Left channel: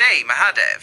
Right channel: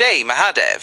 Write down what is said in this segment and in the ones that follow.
जय महादेव।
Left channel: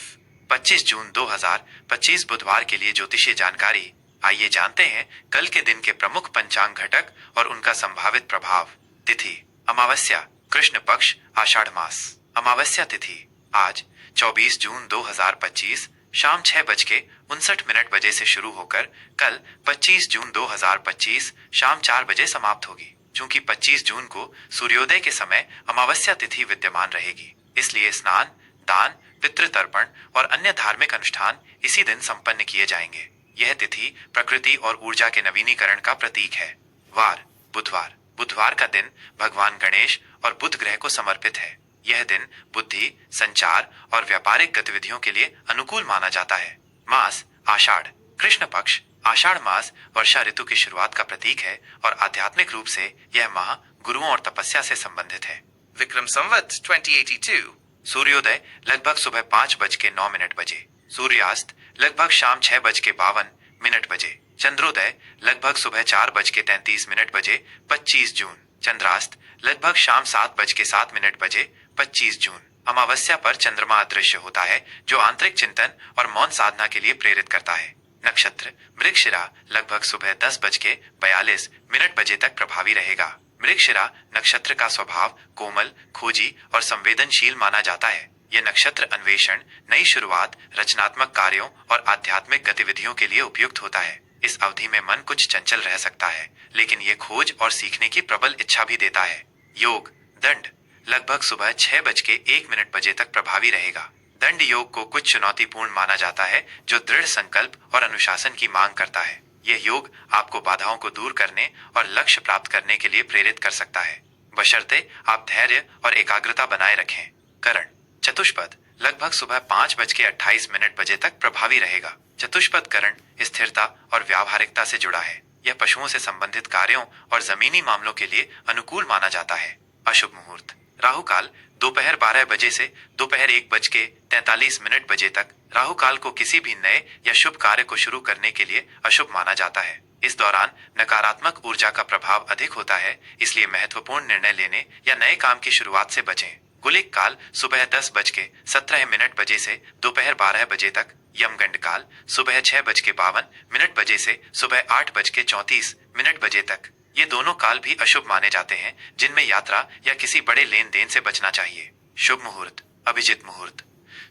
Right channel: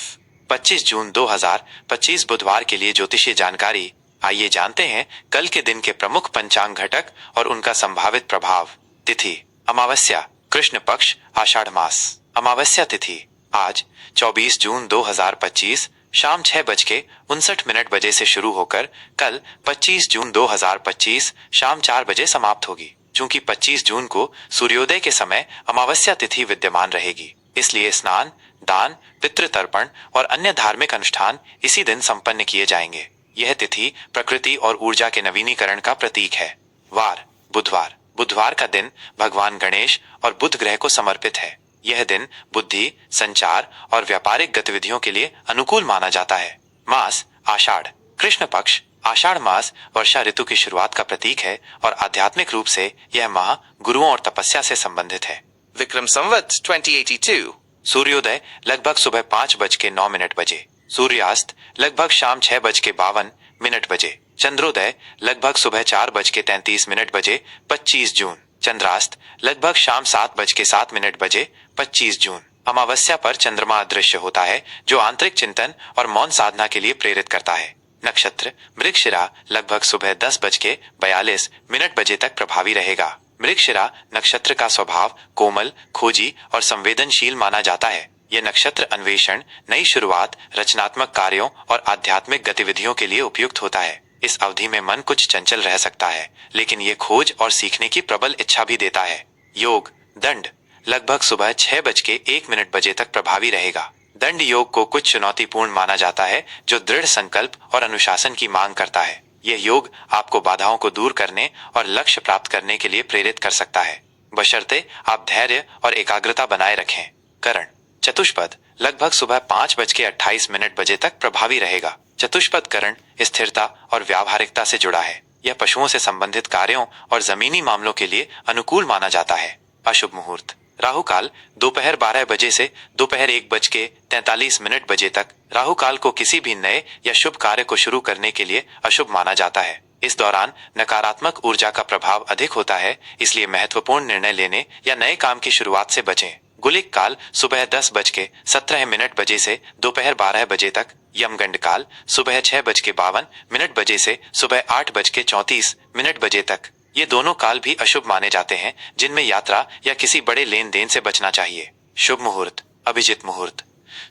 25 जून 2025 बुधवार के लिए ज्योतिषीय जानकारी। आइए जानते हैं कल के दिन के प्रमुख पंचांग घटक और उनका संभावित प्रभाव। तिथि अमावस्या, कृष्ण पक्ष, आषाढ़ मास। अमावस्या तिथि आज 24 जून 2025 शाम 6:59 बजे से शुरू होकर कल 25 जून 2025 शाम 4 बजे समाप्त होगी। चूंकि 25 जून को सूर्योदय के समय अमावस्या तिथि विद्यमान रहेगी, इसलिए स्नान, दान, पितृतर्पण और अन्य धार्मिक अनुष्ठान इसी दिन संपन्न किए जाएंगे। यह तिथि प्रकृति और ऊर्जा के नवीनीकरण का प्रतीक है। वार बुधवार। बुधवार का दिन भगवान गणेश और बुध ग्रह को समर्पित है। यह दिन बुद्धि, संचार और व्यापारिक गतिविधियों के लिए अनुकूल माना जाता है। मास आषाढ़, कृष्ण पक्ष। आषाढ़ मास वर्षा ऋतु की शुरुआत का प्रतीक है और आध्यात्मिक रूप से यह माह गुरुओं और तपस्या से संबंधित है। विक्रम संवत 2082। सूर्योदय लगभग सुबह 5:09 बजे। सूर्यास्त लगभग शाम 6:52 बजे। चंद्रोदय लगभग सुबह 4:33 बजे 25 जून। चंद्रास्त लगभग शाम 7:07 बजे 25 जून। अमावस्या पर चंद्रमा अदृश्य होता है, जो आंतरिक चिंतन और मौन साधना के लिए प्रेरित करता है। नक्षत्र मृगशिरा लगभग सुबह 10:42 बजे तक प्रभावी रहेगा। मृगशिरा नक्षत्र का स्वभाव कोमल, खोजी और संवेदनशील माना जाता है। यह नक्षत्र अन्वेषण, नई शुरुआत, रचनात्मक कार्यों और आध्यात्मिक गतिविधियों के लिए उपयुक्त होता है। इस अवधि में मन कुछ चंचल रह सकता है, लेकिन यह खोज और सीखने की प्रबल इच्छा भी देता है। योग दंड लगभग सुबह 6:01 बजे तक प्रभावी रहेगा। दंड योग को कुछ चुनौतीपूर्ण माना जाता है, जो दृढ़ संकल्प और अनुशासन की मांग करता है। यह योग आपको बाधाओं को दूर करने और लक्ष्य प्राप्त करने के लिए प्रेरित कर सकता है, बशर्ते आप धैर्य और एकाग्रता बनाए रखें। करण चतुष्पद लगभग सुबह 5:28 बजे तक प्रभावी रहेगा। चतुष्पद करण स्थिरता और व्यावहारिकता से जुड़ा है। यह पशुओं से संबंधित कार्यों और जमीनी मामलों के लिए अनुकूल माना जाता है। अशुभ मुहूर्त राहु काल दोपहर 12 बजे से दोपहर 1:43 बजे तक। राहु काल को किसी भी नए या शुभ कार्य को शुरू करने के लिए अशुभ माना जाता है। इस दौरान नकारात्मक ऊर्जा का प्रभाव अधिक होता है, इसलिए महत्वपूर्ण निर्णय लेने या नए काम की शुरुआत से बचें। गुलिक काल सुबह 10:17 बजे से दोपहर 12 बजे तक। यमगंड काल सुबह 6:52 बजे से सुबह 8:34 बजे तक। ये दोनों काल भी अशुभ माने जाते हैं, जिनमें यात्रा या किसी बड़े लेन देन से बचना चाहिए। शुभ मुहूर्त अभिजित मुहूर्त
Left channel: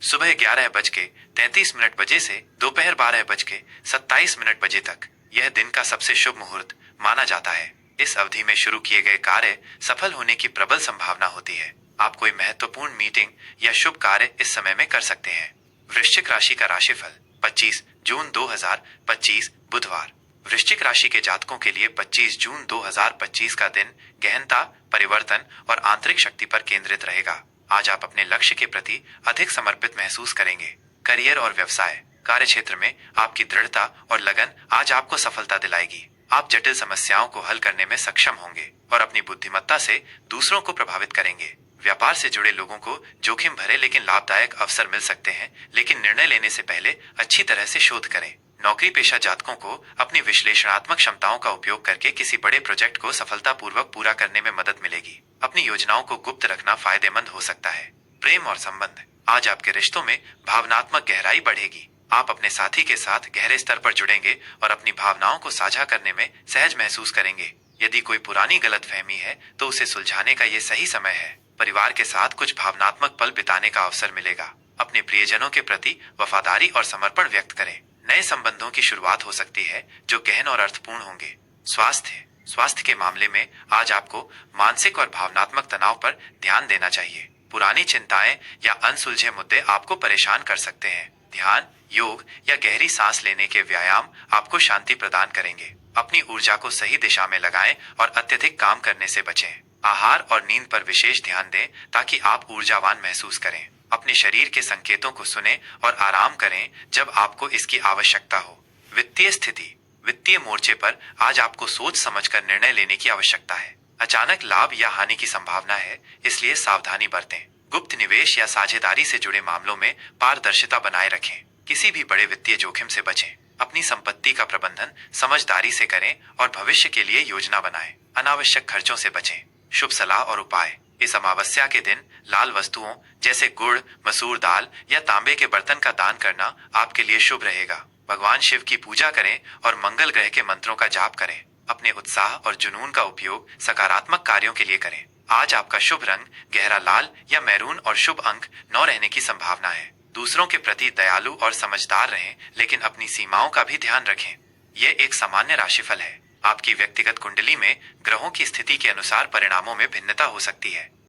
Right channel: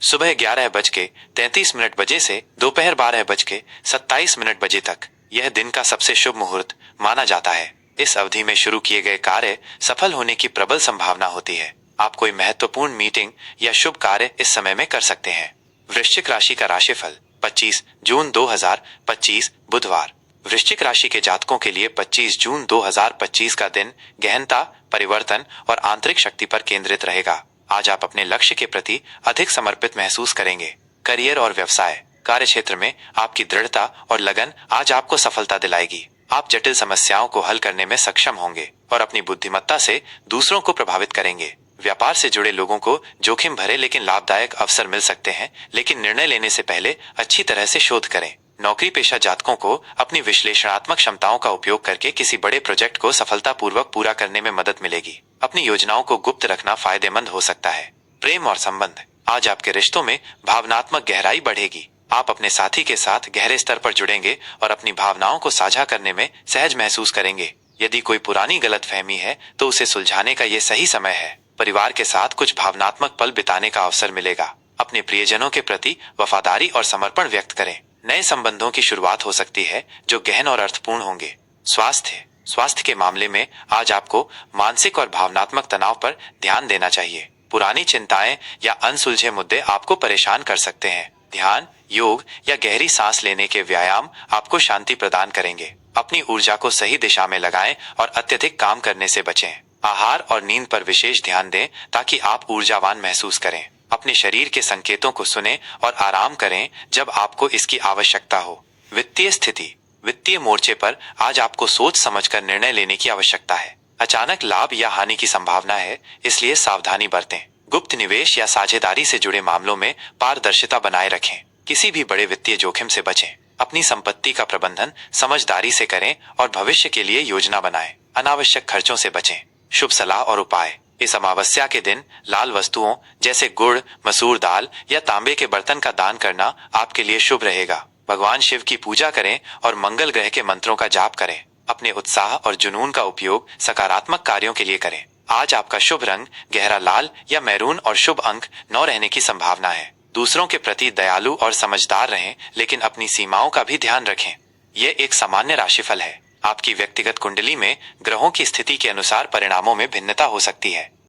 सुबह 11:33 बजे से दोपहर 12:27 बजे तक। यह दिन का सबसे शुभ मुहूर्त माना जाता है। इस अवधि में शुरू किए गए कार्य सफल होने की प्रबल संभावना होती है। आप कोई महत्वपूर्ण मीटिंग या शुभ कार्य इस समय में कर सकते हैं। वृश्चिक राशि का राशिफल 25 जून 2025 बुधवार। वृश्चिक राशि के जातकों के लिए 25 जून 2025 का दिन गहनता, परिवर्तन और आंतरिक शक्ति पर केंद्रित रहेगा। आज आप अपने लक्ष्य के प्रति अधिक समर्पित महसूस करेंगे। करियर और व्यवसाय कार्य क्षेत्र में आपकी दृढ़ता और लगन आज आपको सफलता दिलाएगी। आप जटिल समस्याओं को हल करने में सक्षम होंगे और अपनी बुद्धिमत्ता से दूसरों को प्रभावित करेंगे। व्यापार से जुड़े लोगों को जोखिम भरे लेकिन लाभदायक अवसर मिल सकते हैं, लेकिन निर्णय लेने से पहले अच्छी तरह से शोध करें। नौकरी पेशा जातकों को अपनी विश्लेषणात्मक क्षमताओं का उपयोग करके किसी बड़े प्रोजेक्ट को सफलतापूर्वक पूरा करने में मदद मिलेगी। अपनी योजनाओं को गुप्त रखना फायदेमंद हो सकता है। प्रेम और संबंध आज आपके रिश्तों में भावनात्मक गहराई बढ़ेगी। आप अपने साथी के साथ गहरे स्तर पर जुड़ेंगे और अपनी भावनाओं को साझा करने में सहज महसूस करेंगे। यदि कोई पुरानी गलतफहमी है तो उसे सुलझाने का ये सही समय है। परिवार के साथ कुछ भावनात्मक पल बिताने का अवसर मिलेगा। अपने प्रियजनों के प्रति वफादारी और समर्पण व्यक्त करें। नए संबंधों की शुरुआत हो सकती है, जो गहन और अर्थपूर्ण होंगे। स्वास्थ्य के मामले में आज आपको मानसिक और भावनात्मक तनाव पर ध्यान देना चाहिए। पुरानी चिंताएं या अनसुलझे मुद्दे आपको परेशान कर सकते हैं। ध्यान, योग या गहरी सांस लेने के व्यायाम आपको शांति प्रदान करेंगे। अपनी ऊर्जा को सही दिशा में लगाएं और अत्यधिक काम करने से बचें। आहार और नींद पर विशेष ध्यान दें ताकि आप ऊर्जावान महसूस करें। अपने शरीर के संकेतों को सुनें और आराम करें जब आपको इसकी आवश्यकता हो। वित्तीय स्थिति वित्तीय मोर्चे पर आज आपको सोच समझकर निर्णय लेने की आवश्यकता है। अचानक लाभ या हानि की संभावना है, इसलिए सावधानी बरतें। गुप्त निवेश या साझेदारी से जुड़े मामलों में पारदर्शिता बनाए रखें। किसी भी बड़े वित्तीय जोखिम से बचें। अपनी संपत्ति का प्रबंधन समझदारी से करें और भविष्य के लिए योजना बनाएं। अनावश्यक खर्चों से बचें। शुभ सलाह और उपाय। इस अमावस्या के दिन लाल वस्तुओं जैसे गुड़, मसूर दाल या तांबे के बर्तन का दान करना आपके लिए शुभ रहेगा। भगवान शिव की पूजा करें और मंगल ग्रह के मंत्रों का जाप करें। अपने उत्साह और जुनून का उपयोग सकारात्मक कार्यों के लिए करें। आज आपका शुभ रंग गहरा लाल या मैरून और शुभ अंक 9 रहने की संभावना है। दूसरों के प्रति दयालु और समझदार रहें, लेकिन अपनी सीमाओं का भी ध्यान रखें। यह एक सामान्य राशिफल है। आपकी व्यक्तिगत कुंडली में ग्रहों की स्थिति के अनुसार परिणामों में भिन्नता हो सकती है।